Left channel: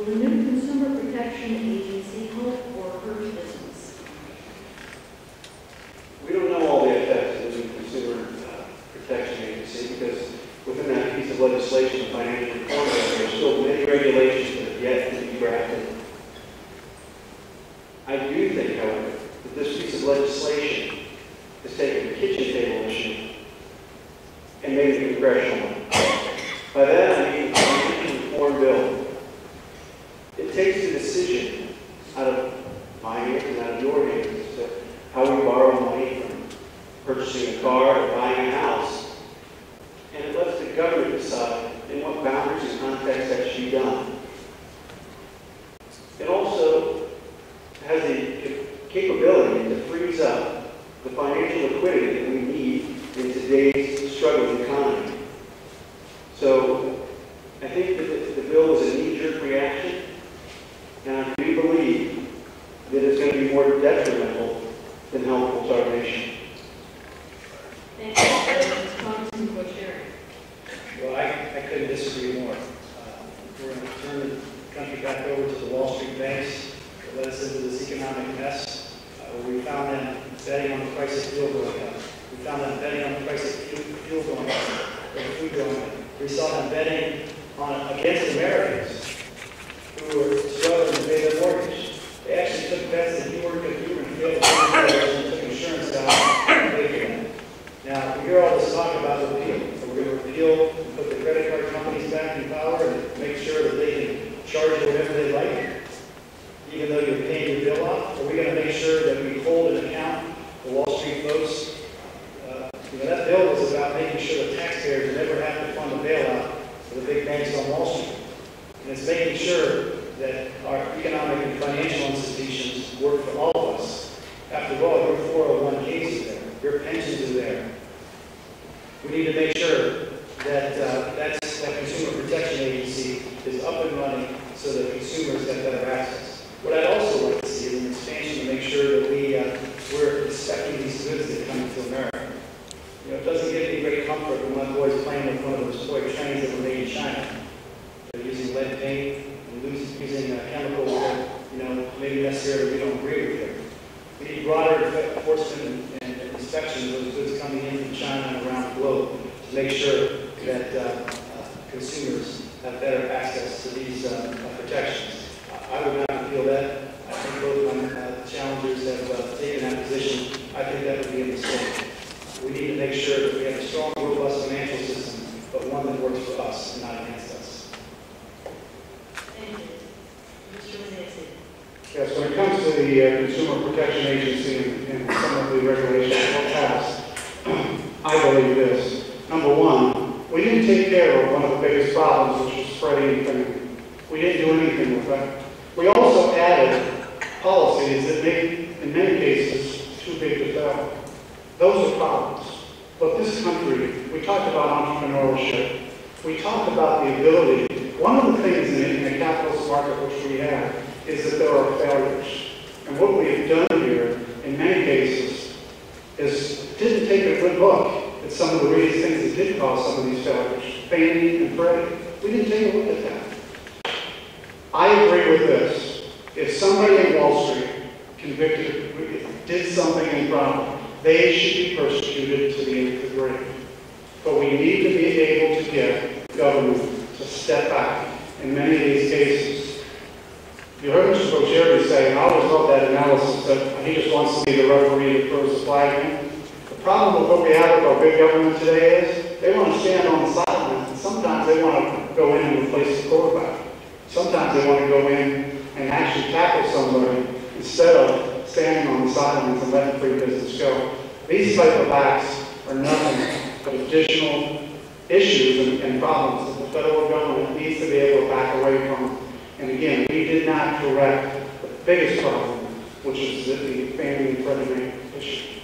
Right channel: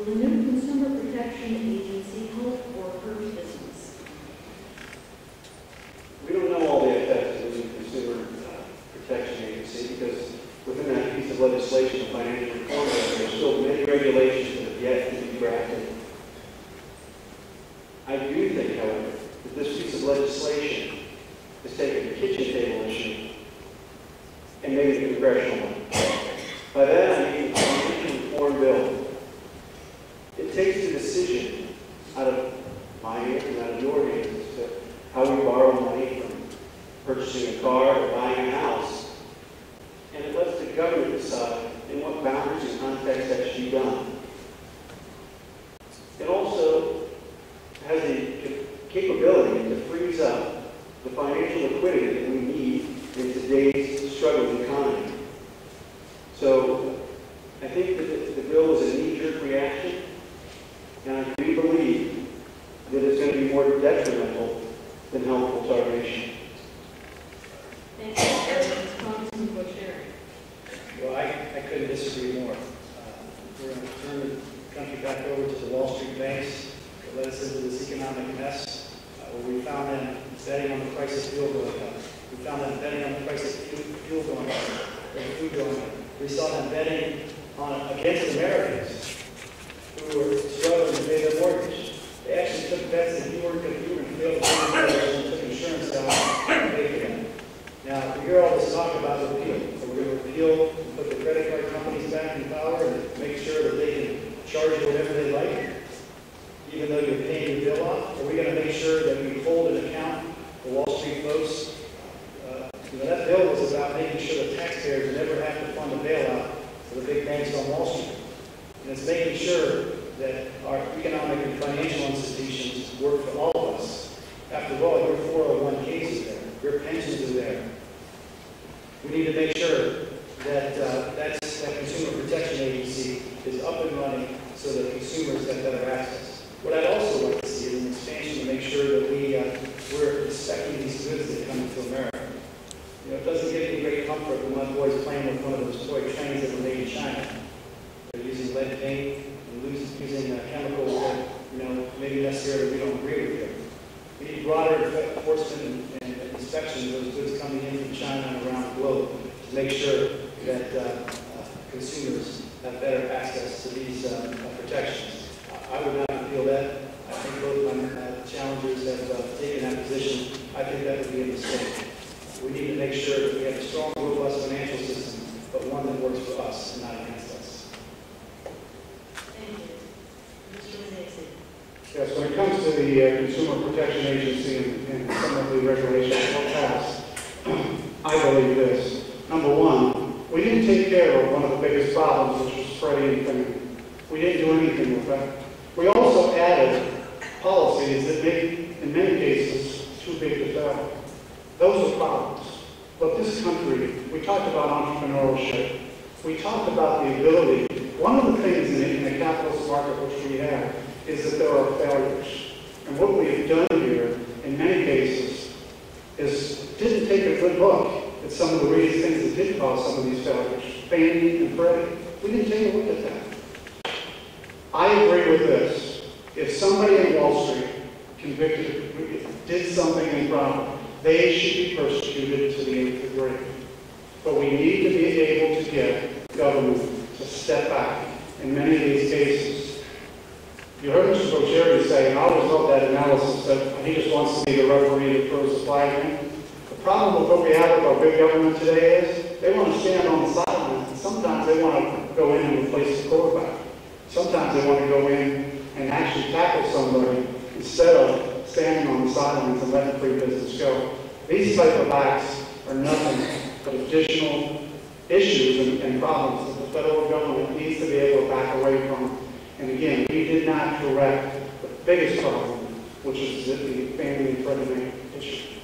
Will the new Consumer Protection Agency help or hurt business? We don't know all the effects of the new Consumer Protection Agency because within that piece of legislation, the Financial Reform Act, there are still many regulations that have yet to be drafted. I do think, however, that this piece of legislation has taken the kitchen table issue and made it a congressional one. By that I mean the Financial Reform Bill. It takes the decision out of my hands and out of your hands as to how we borrow money from purchasing a car or buying a house. And it lets the government decide in what boundaries and context that should be done. It also has the capability to freeze up the financial liquidity that we need in today's struggling economy. So I think that the bill was a knee-jerk reaction, and I do believe that it's going to be more detrimental than helpful to our nation. Thank you. Congressman Boccieri. Well, I couldn't disagree more. We're going to turn the country back over to the Wall Street banks that led us into this economic mess, where we found them betting on the price of fuel going up. We found them betting on the price of fuel going up, or food going up. We saw them betting against Americans who were struggling to pay their mortgage. They actually took bets that you were going to fail to pay your mortgage and took insurance out and paid for them. Now, we hear all this talk about repeal. So we're going to repeal and put the credit card companies back in power and make sure that they can charge you whatever they like, even though you're paying your bill off. Are we going to make sure that we hold an account for Wall Street folks? That bill was about making sure the taxpayers never have to fund a bailout for the big banks on Wall Street. And it's making sure that our economic and financial institutions work for all of us. After all, your 401ks are there. Your pensions are there. We need to make sure that that Consumer Protection Agency is up and running so that consumers have better access. What I'd also like to see is an expansion to make sure that we're inspecting these goods that come into America. It doesn't give me great comfort when my boy's playing with one of those toy trains that were made in China. They're using lead paint and using chemicals that, maybe necessarily we don't agree with here. We need broader enforcement and inspection of those goods coming in from China and around the globe to make sure that consumers have better access to these protections. I would not appeal that. I think both my challengers have taken that position. I think that would be a mistake. We need to make sure that we have a strong, robust financial system, but one that works for us and not against us. Thank you. Mr. Renacci. Yes, when it comes to the Consumer Protection Agency and some of the regulations that were passed, I believe this. Number one, we didn't take care of one of the biggest problems, which was spreading infamy. We didn't do anything with that. We also added policies that made, in many cases, too big to fail. Those are problems. But this country, we talked about entrepreneurship. We talked about the ability. One of the things in a capitalist market which we have is that there are failures. And what we have done here, in many cases, is didn't take a good look at some of the things that did cause some of these failures. Fannie and Freddie. We didn't take a look at that. I agree with this. If somebody in Wall Street did something improper, they should be persecuted to the nth degree. But we need to be able to get government to step back in many of these cases. You heard Mr. Boccieri say, and I always love that analysis, that he just wants to be the referee that throws the flag in. The problem with what we have with our big government today is they want to stand on the sidelines, and sometimes they want to go in and replace the quarterback. Sometimes they want to go in and actually tackle somebody instead of standing on the sidelines and letting free business go. These type of acts are nothing but additional issues and problems that the federal government needs to be able to back away from. And again, we did not correct the biggest problem, which is the Fannie and Freddie issue.